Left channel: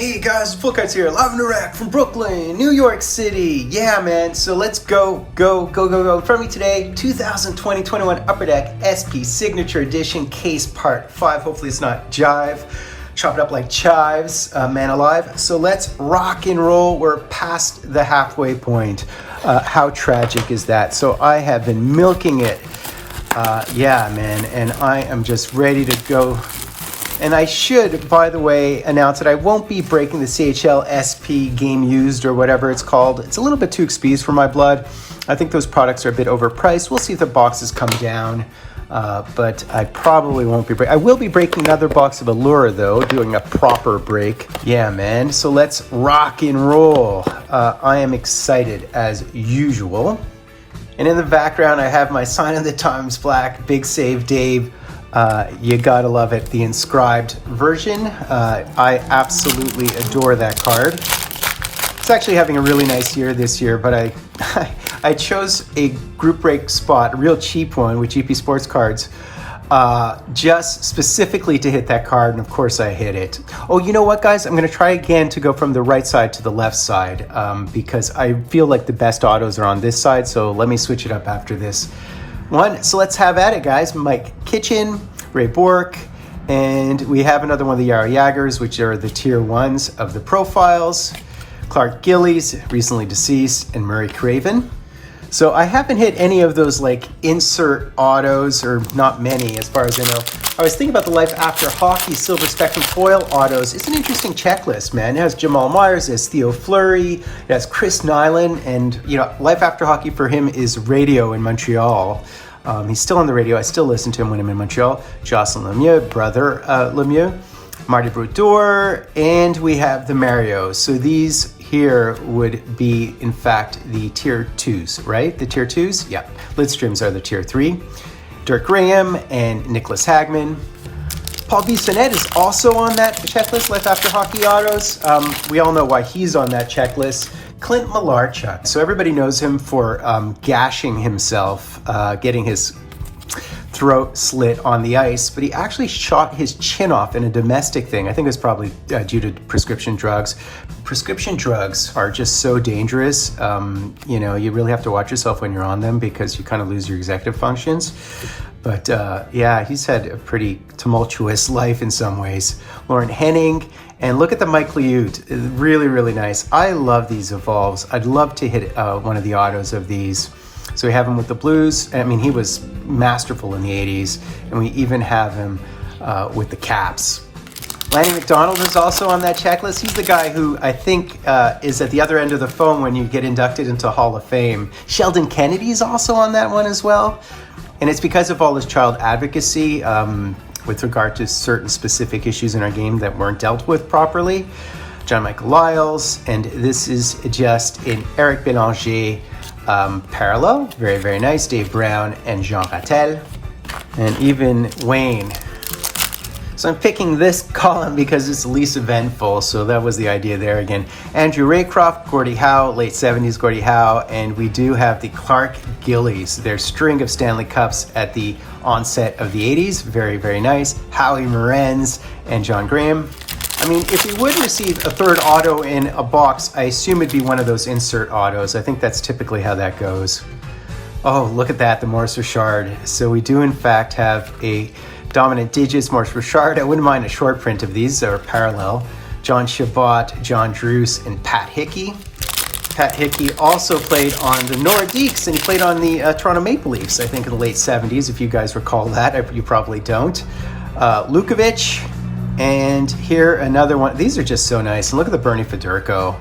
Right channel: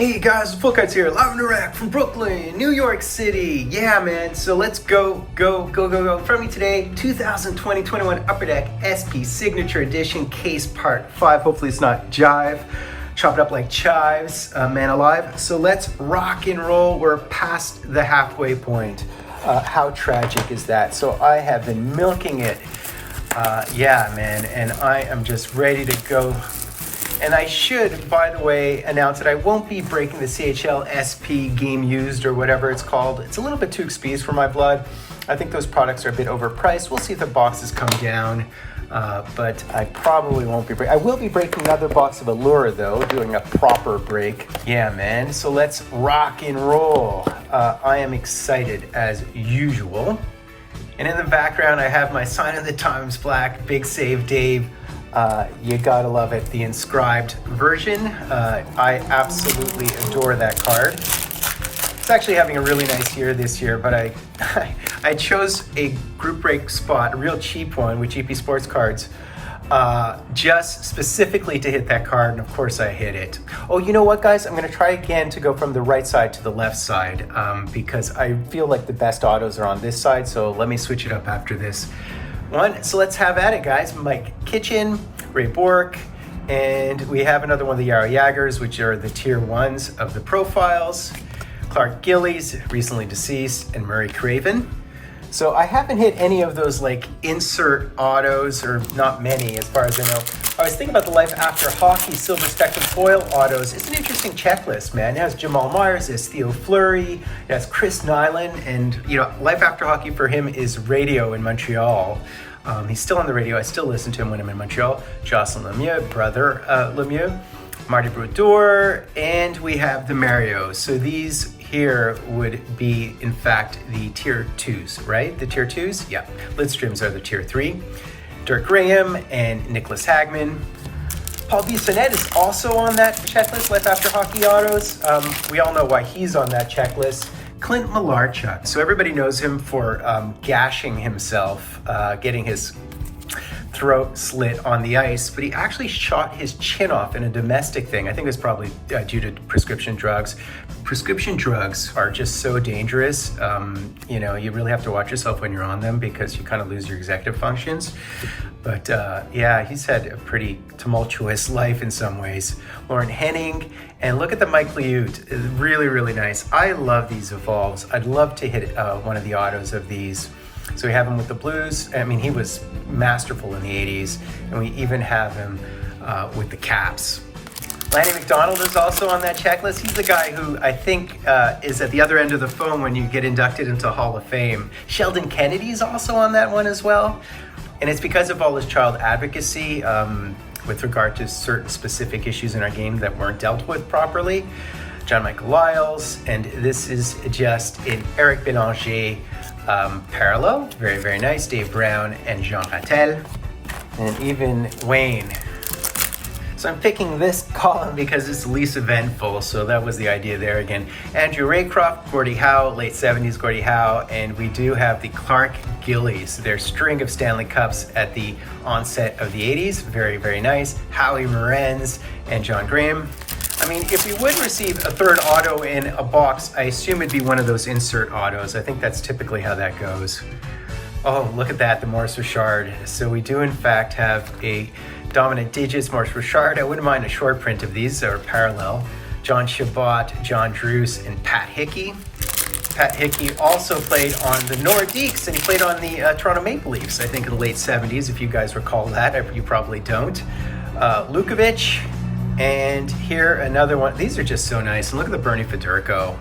Hey guys, Fultoncards here, live and direct from Brooklyn, New York City. Yeah, man, so let's go. From me today, 2020-21 Upper Deck SP Signature Edition Case Part 5. Hopefully it's not jive. Chop it up like chives, man alive. So let's rock and roll. We're past the halfway point. How tragic is that? So I have been milking it. Yeah, man, and I am just ready to go. And I should, by the way, announce that I won't be breaking the CHL SP game used or whatever it's called. It's a little bit too expensive for my blood. I think those products are a bit overpriced. We'll see if the boxes come down, but I probably won't be breaking. I will be breaking another box of Allure though, doing a proper break. Yeah, man, so let's rock and roll. I am excited as usual. And in the background, I have my Sign of the Times Black, Big Save Dave. You gotta love it, the inscribed version. I absolutely adore that card. It's actually having a really nice year this year, but I chose a group break spot, a real cheap one with GP Sports Cards, just specifically to hit that card, and of course I hit it. Oh, you know what, guys? I'm gonna try again to go from the right side to the left side, because I feel like the best autos are on this side, so let me switch it up after this one. So let's have at it, guys. Mike Kitchen, Ray Bork, and we have another one of the Yara Yagers, which are the tier 1s of the profiles. Clark Gillies, recently deceased, and Murray Craven. So I haven't hit any of those like insert autos, or not many as far as I know. I was thinking about the Life After Hockey Silver Spectrum Foil autos. It's an interesting checklist, man. It has Jamal Myers, it has Theo Fleury, it has Chris Nyland, and you know, Life After Hockey for him is radio in Montreal. He's still on the radio. I still listen to him when I'm in Montreal. Jocelyn Lemieux, brother Lemieux, Marty Brodeur, and we have the Mario. So these here would be, in fact, the tier 2s, right? The tier 2s? Yeah. Lidströms are the tier 3. Dirk Graham and Nicholas Hagman. Paul Bissonnette is also on that checklist, Life After Hockey autos. We all know why he's on that checklist. Clint Malarchuk. So everybody knows him for gashing himself, getting his throat slit on the ice, but he actually shot his chin off in a domestic thing. I think it's probably due to prescription drugs. Prescription drugs are just so dangerous. You know, you really have to watch yourself when you're on them because you kind of lose your executive functions. But yeah, he's had a pretty tumultuous life in some ways. Lauren Henning, and look at the Mike Liute, really, really nice. I love these Evolves. I'd love to hit one of the autos of these. So we have him with the Blues. I mean, he was masterful in the 80s, and we even have him with the Caps. Lanny McDonald is also on that checklist. He's the guy who I think is at the other end of the phone when you get inducted into Hall of Fame. Sheldon Kennedy is also on that one as well. And it's because of all his child advocacy with regard to certain specific issues in our game that weren't dealt with properly. John Michael Lyles, and this is just an Eric Bélanger parallel. Very, very nice. Dave Brown and Jean Rattel, and even Wayne. So I'm picking this column because it's least eventful, so that was the idea there again. Andrew Raycroft, Gordie Howe, late 70s Gordie Howe, and we do have the Clark Gillies, their string of Stanley Cups at the onset of the 80s. Very, very nice. Howie Morenz and John Graham. I mean, if we would receive a third auto in a box, I assume it'd be one of those insert autos. I think that's typically how that goes. Oh, look at that, the Maurice Richard. So we do in fact have a Dominant Digits, Maurice Richard. I wouldn't mind a short print of these that are parallel. John Chabot, John Druce, and Pat Hickey. Pat Hickey also played on the Nordiques, and he played on the Toronto Maple Leafs, I think in the late 70s, if you guys recall that. You probably don't. Lukovic, and here another one. These are just so nice. And look at the Bernie Federico.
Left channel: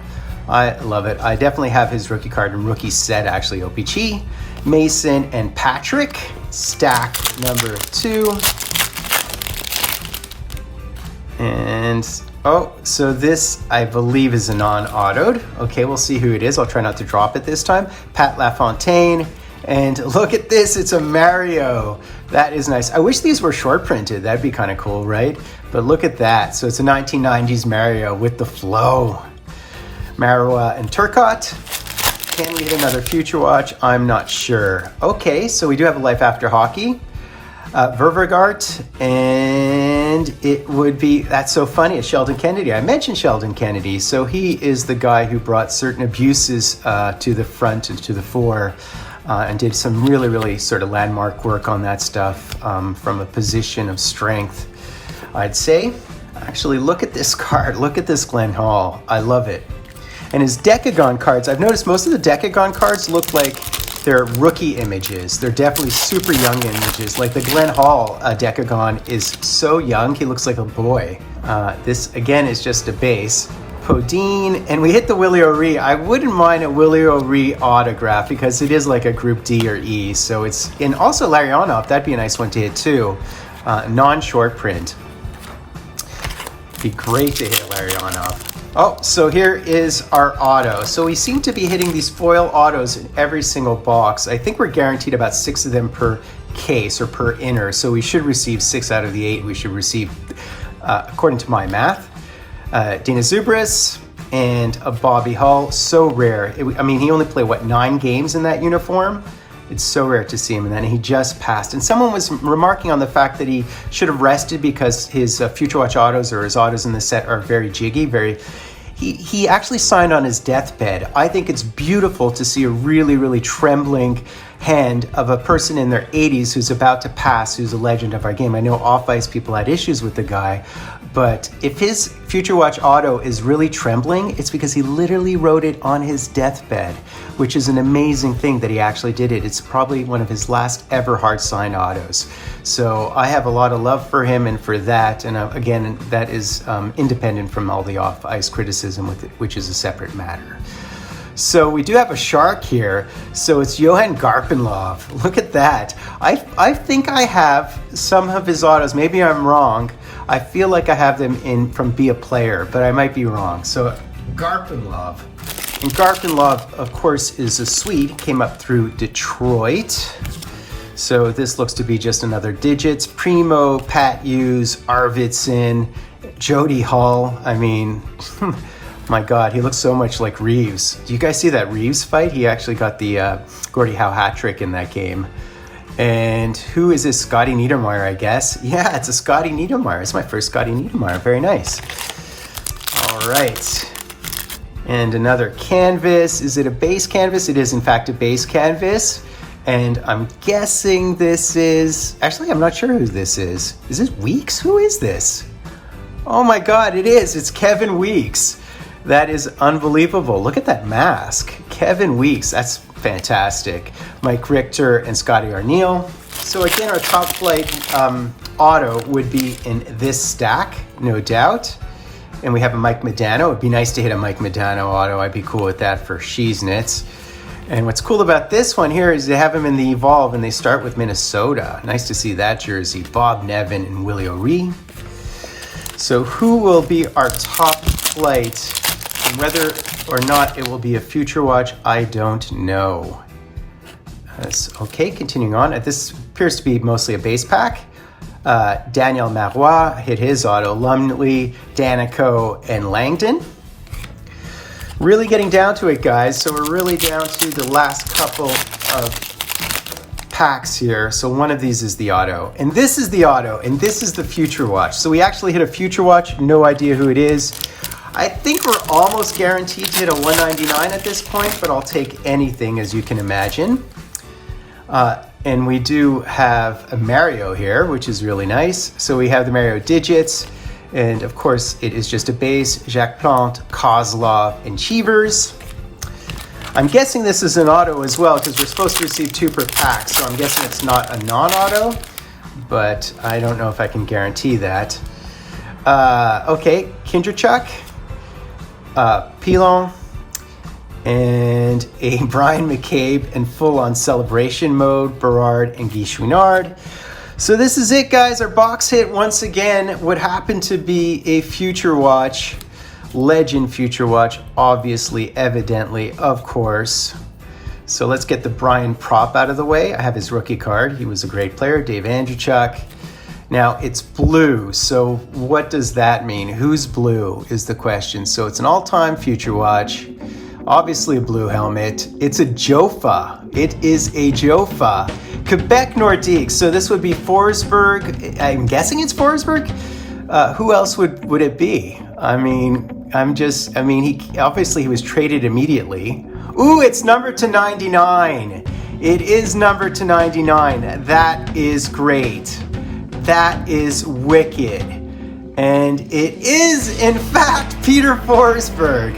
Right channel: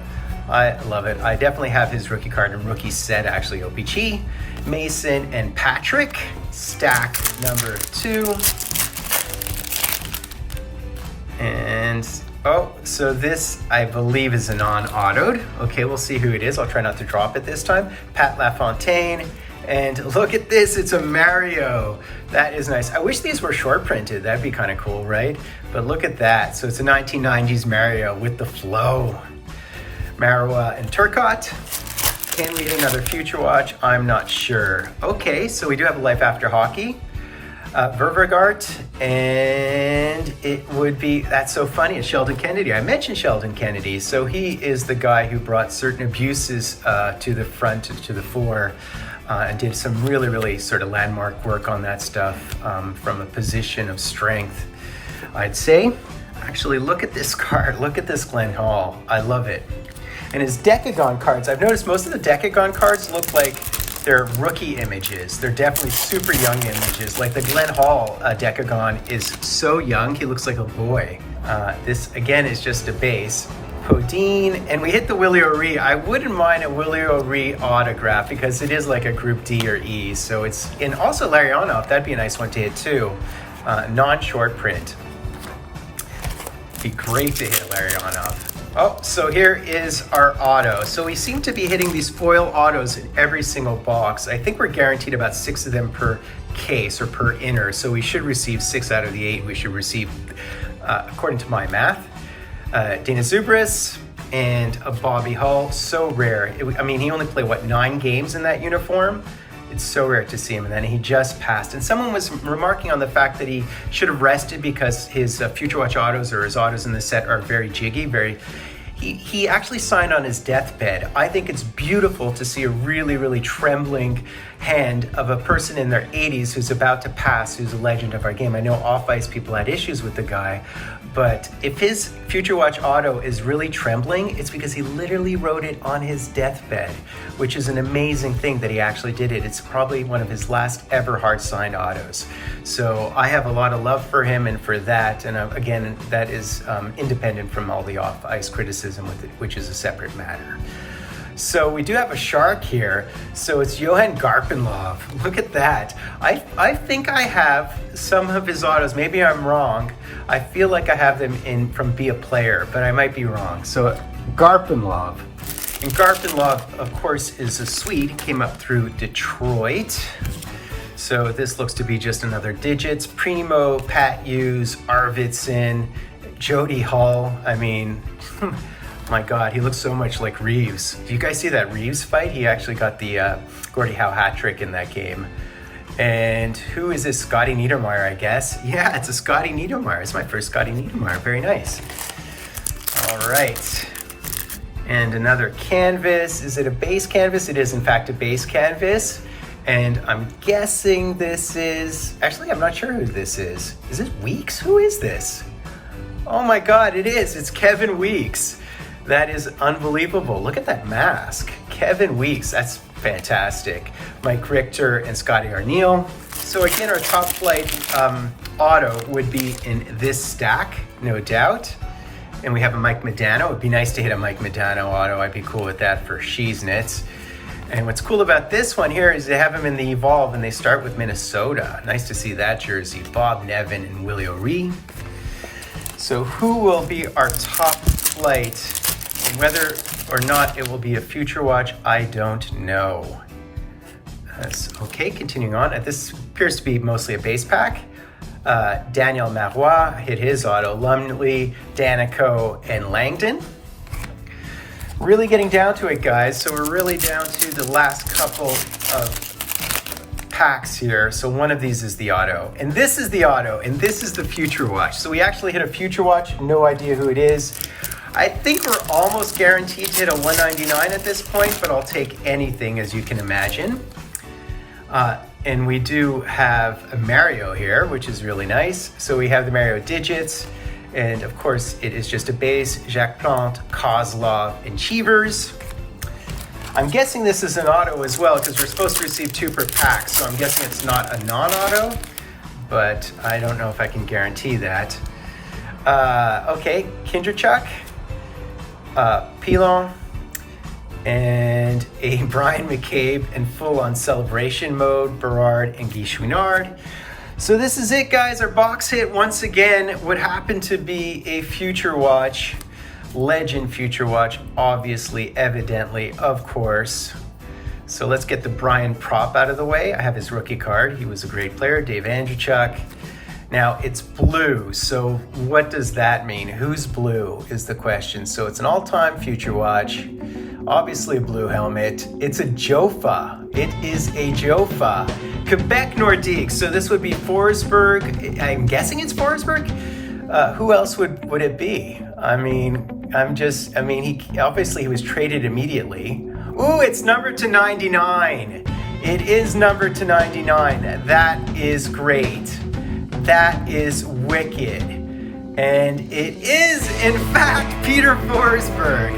I love it. I definitely have his rookie card and rookie set, actually. O-Pee-Chee, Mason, and Patrick. Stack number 2. And, oh, so this, I believe, is a non-autoed. Okay, we'll see who it is. I'll try not to drop it this time. Pat LaFontaine. And look at this, it's a Mario. That is nice. I wish these were short printed. That'd be kind of cool, right? But look at that. So it's a 1990s Mario with the flow. Marois and Turcotte. Can we hit another Future Watch? I'm not sure. Okay, so we do have a Life After Hockey. Ververgart, and it would be, that's so funny, it's Sheldon Kennedy. I mentioned Sheldon Kennedy, so he is the guy who brought certain abuses to the front and to the fore, and did some really sort of landmark work on that stuff from a position of strength, I'd say. Actually, look at this card, look at this Glenn Hall, I love it. And his Decagon cards, I've noticed most of the Decagon cards look like they're rookie images. They're definitely super young images. Like the Glenn Hall Decagon is so young, he looks like a boy. This again is just a base. Podine, and we hit the Willie O'Ree. I wouldn't mind a Willie O'Ree autograph because it is like a group D or E. So it's, and also Larionov, that'd be a nice one to hit too. Non-short print. Be great to hit Larionov. Oh, so here is our auto. So we seem to be hitting these foil autos in every single box. I think we're guaranteed about 6 of them per case or per inner. So we should receive 6 out of the 8 we should receive, according to my math. Dina Zubris and a Bobby Hull. So rare. I mean, he only played, what, 9 games in that uniform? It's so rare to see him, and then he just passed. And someone was remarking on the fact that he should have rested because his Future Watch autos or his autos in the set are very jiggy, He actually signed on his deathbed. I think it's beautiful to see a really trembling hand of a person in their 80s who's about to pass, who's a legend of our game. I know off-ice people had issues with the guy, but if his Future Watch auto is really trembling, it's because he literally wrote it on his deathbed, which is an amazing thing that he actually did it. It's probably one of his last ever hard signed autos. So I have a lot of love for him and for that. And again, that is independent from all the off-ice criticism, which is a separate matter. So we do have a shark here. So it's Johan Garpenlov. Look at that. I think I have some of his autos. Maybe I'm wrong. I feel like I have them in from Be a Player, but I might be wrong. So Garpenlov. And Garpenlov, of course, is a Swede. Came up through Detroit. So this looks to be just another digits. Primo, Pat Hughes, Arvidsson, Jody Hall. I mean, my God, he looks so much like Reeves. Do you guys see that Reeves fight? He actually got the Gordie Howe hat trick in that game. And who is this? Scotty Niedermayer, I guess. Yeah, it's a Scotty Niedermayer. It's my first Scotty Niedermayer. Very nice. All right. And another canvas. Is it a base canvas? It is, in fact, a base canvas. And I'm guessing this is... Actually, I'm not sure who this is. Is this Weeks? Who is this? Oh my God, it is. It's Kevin Weeks. That is unbelievable. Look at that mask. Kevin Weeks. That's fantastic. Mike Richter and Scotty Arneal. So again, our top flight auto would be in this stack, no doubt. And we have a Mike Modano. It'd be nice to hit a Mike Modano auto. I'd be cool with that for Sheesnitz. And what's cool about this one here is they have him in the Evolve and they start with Minnesota. Nice to see that jersey. Bob Nevin and Willie O'Ree. So who will be our top flight? And whether or not it will be a Future Watch, I don't know. Okay, continuing on. This appears to be mostly a base pack. Daniel Marois hit his auto. Lumley, Danico, and Langdon. Really getting down to it, guys. So we're really down to the last couple of packs here. So one of these is the auto. And this is the auto. And this is the Future Watch. So we actually hit a Future Watch. No idea who it is. I think we're almost guaranteed to hit a 199 at this point, but I'll take anything, as you can imagine. And we do have a Mario here, which is really nice. So we have the Mario digits, and of course it is just a base. Jacques Plante, Kozlov, and Cheevers. I'm guessing this is an auto as well, because we're supposed to receive 2 per pack, so I'm guessing it's not a non-auto, but I don't know if I can guarantee that. Okay, Kindrachuk. Pilon, and a Brian McCabe in full-on celebration mode, Berard and Guy Chouinard. So this is it, guys. Our box hit once again would happen to be a Future Watch, Legend Future Watch, obviously, evidently, of course. So let's get the Brian prop out of the way. I have his rookie card. He was a great player, Dave Andreychuk. Now, it's blue, so what does that mean? Who's blue is the question. So it's an all-time Future Watch, obviously a blue helmet. It's a Jofa. It is a Jofa. Quebec Nordique. So this would be Forsberg. I'm guessing it's Forsberg. Who else would it be? I mean, he obviously he was traded immediately. Ooh, it's numbered to 99. It is numbered to 99. That is great. That is wicked. And it is, in fact, Peter Forsberg.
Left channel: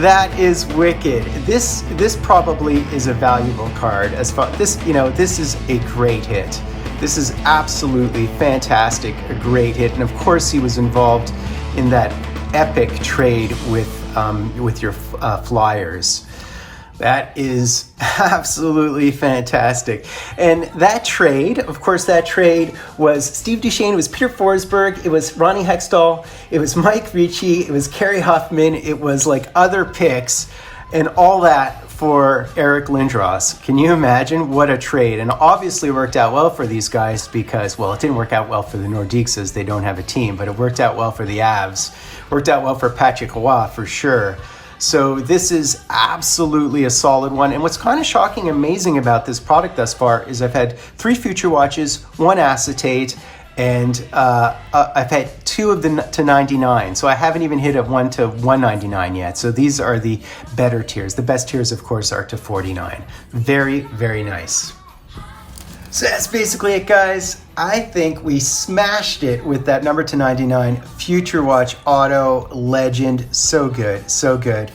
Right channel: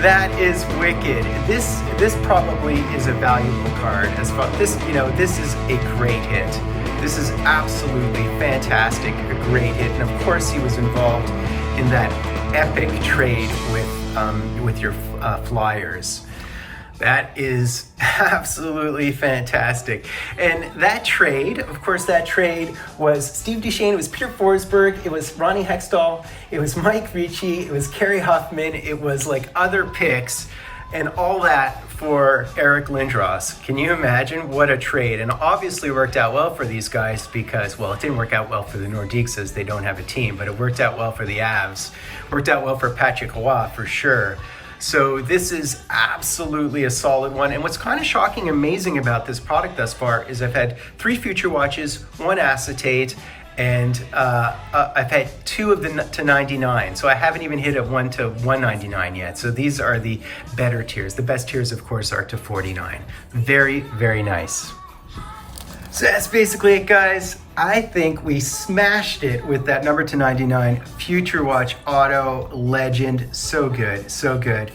That is wicked. This probably is a valuable card. As far this, this is a great hit. This is absolutely fantastic, a great hit. And of course, he was involved in that epic trade with your Flyers. That is absolutely fantastic. And that trade, of course, was Steve Duchesne, it was Peter Forsberg, it was Ronnie Hextall, it was Mike Ricci, it was Kerry Huffman, it was like other picks, and all that for Eric Lindros. Can you imagine what a trade? And obviously it worked out well for these guys because, well, it didn't work out well for the Nordiques as they don't have a team, but it worked out well for the Avs. Worked out well for Patrick Roy for sure. So this is absolutely a solid one. And what's kind of shocking, amazing about this product thus far is I've had 3 Future Watches, 1 acetate, and I've had 2 of the to 99. So I haven't even hit a 1 to 199 yet. So these are the better tiers. The best tiers, of course, are to 49. Very, very nice. So that's basically it, guys. I think we smashed it with that number to 99 Future Watch Auto Legend. So good, so good.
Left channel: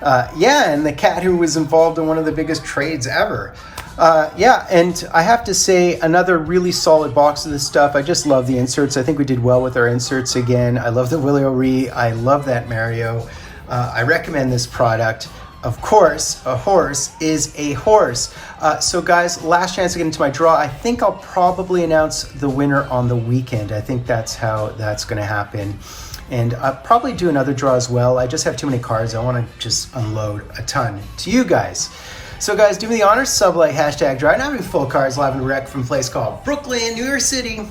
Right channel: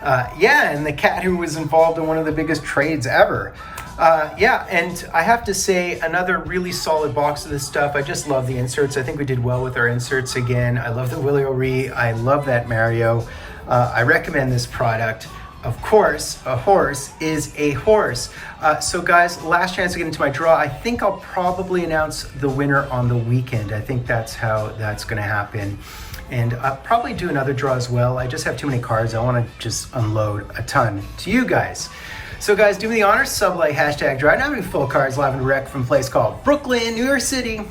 And the cat who was involved in one of the biggest trades ever. And I have to say, another really solid box of this stuff. I just love the inserts. I think we did well with our inserts again. I love the Willie O'Ree. I love that Mario. I recommend this product. Of course, a horse is a horse. So guys, last chance to get into my draw. I think I'll probably announce the winner on the weekend. I think that's how that's gonna happen. And I'll probably do another draw as well. I just have too many cards. I wanna just unload a ton to you guys. So guys, do me the honor, sub like, #drive. Now I'm having Fultoncards live and direct from a place called Brooklyn, New York City.